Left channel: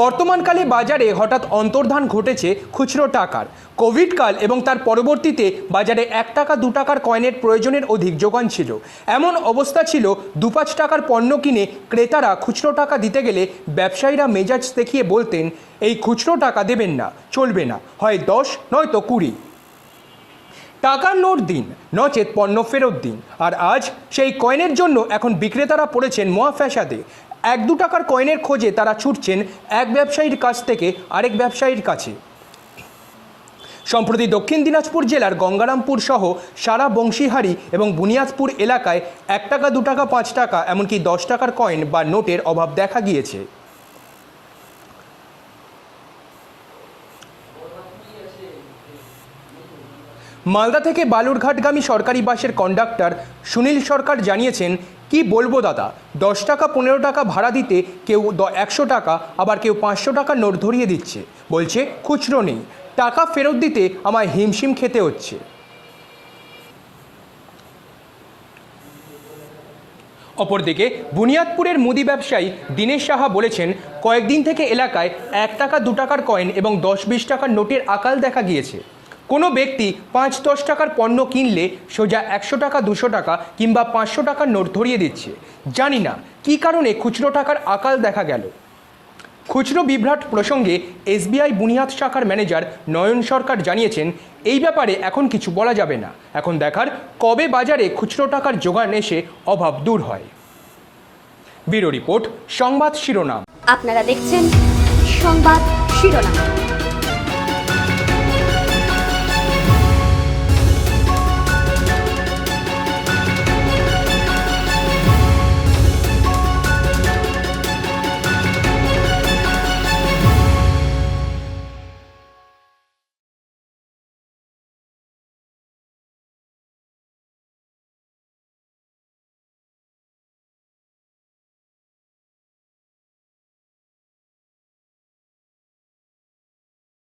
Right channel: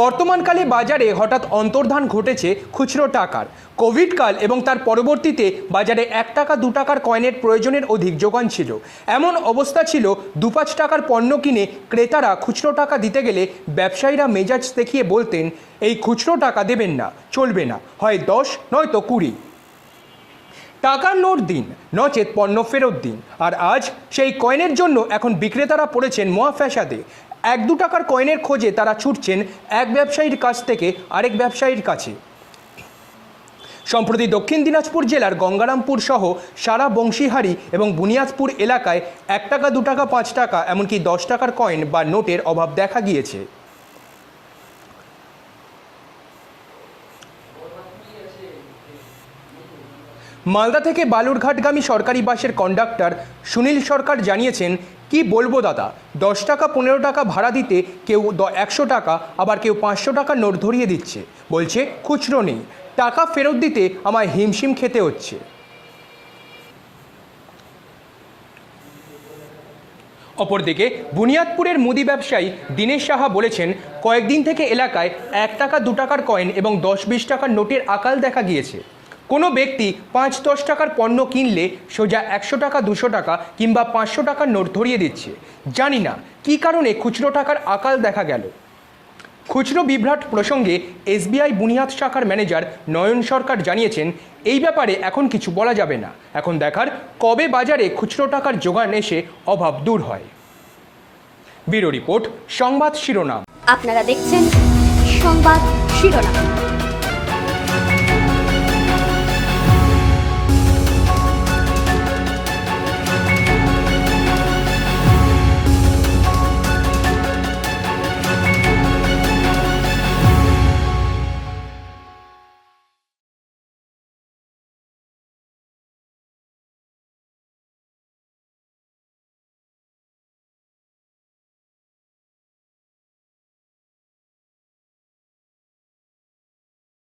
বর্তমানকালে বাজারে হঠাৎ অন্তর্ধান ঘটেছে খুচরো টাকার। কোভিড কাল এবং তার পরবর্তীতে বাজারে 1 টাকা 2 টাকার কয়েনের প্রয়োজনের অধিক যোগান ছিল। এমন অবস্থা ছিল 2-5 টাকার পণ্য কিনে ক্রেতারা খুচরো টাকা দিতে গেলে ব্যবসায়ীরা মেজাজ দেখিয়ে বলতেন, এই খুচরো টাকা দেবেন না, চলবে না, হয় 10 নয়তো 20 টাকার নোট দিন, নচেত পণ্য ফেরত দিন। আর আজ সেই কয়েনের জন্য এখন বিক্রেতারা পড়েছেন মহা ফ্যাসাদে। 1-2 টাকার কয়েনের খোঁজে তারা ছুটছেন এক ব্যবসায়ীর কাছ থেকে আরেক ব্যবসায়ীর কাছে। সম্প্রতি দক্ষিণ দিনাজপুর জেলার গঙ্গারামপুর সহ সারা বংশীহারি এবং বুনিয়াদপুর এলাকায় 1 টাকা 2 টাকা 5 টাকা এমনকি 10 টাকার কয়েন বা নোটের অভাব দেখা গিয়েছে। মালদা থেকে বালুরঘাটগামী সরকারি বাসের কন্ডাক্টর সুনীল সরকার জানিয়েছেন, কি বলবো দাদা, 10 টাকা 15 টাকা ভাড়া দিতে কেউ 100 টাকা, আবার কেউ 500 টাকা নোট ধরিয়ে দিচ্ছে, বলছে খুচরো নেই, টাকা ফেরত দিতে আমায় হিমশিম খেতে হচ্ছে। অপরদিকে বুনিয়াদপুরের মুদি ব্যবসায়ী দীনেশ সাহা বলেছেন, কয়েকদিন থেকে এলাকায় 1 টাকা 2 টাকার কয়েন এবং 10-20 টাকার নোটের আকাল দেখা গিয়েছে। কোনো ব্যক্তি 5-10 টাকার পণ্য কিনলে সোজা 100 টাকা 200 টাকা কিংবা 500 টাকার নোট ধরিয়ে দিচ্ছে। জানি না কী কারণে খুচরো টাকার আকাল দেখা গেল। খুচরো বিভ্রাট প্রসঙ্গে এসবিআই বুনিয়াদ শাখার ম্যানেজার নয়ন সরকার জানিয়েছেন, এই ব্যাপারে এখন কিছু বলা যাবে না, এখন দেখার কবে বাজারে খুচরো টাকার যোগান এসে অভাব দূর হয়। ব্যুরো রিপোর্ট, সংবাদ শিরোনাম। আপনারা দেখছেন সংবাদ শিরোনাম।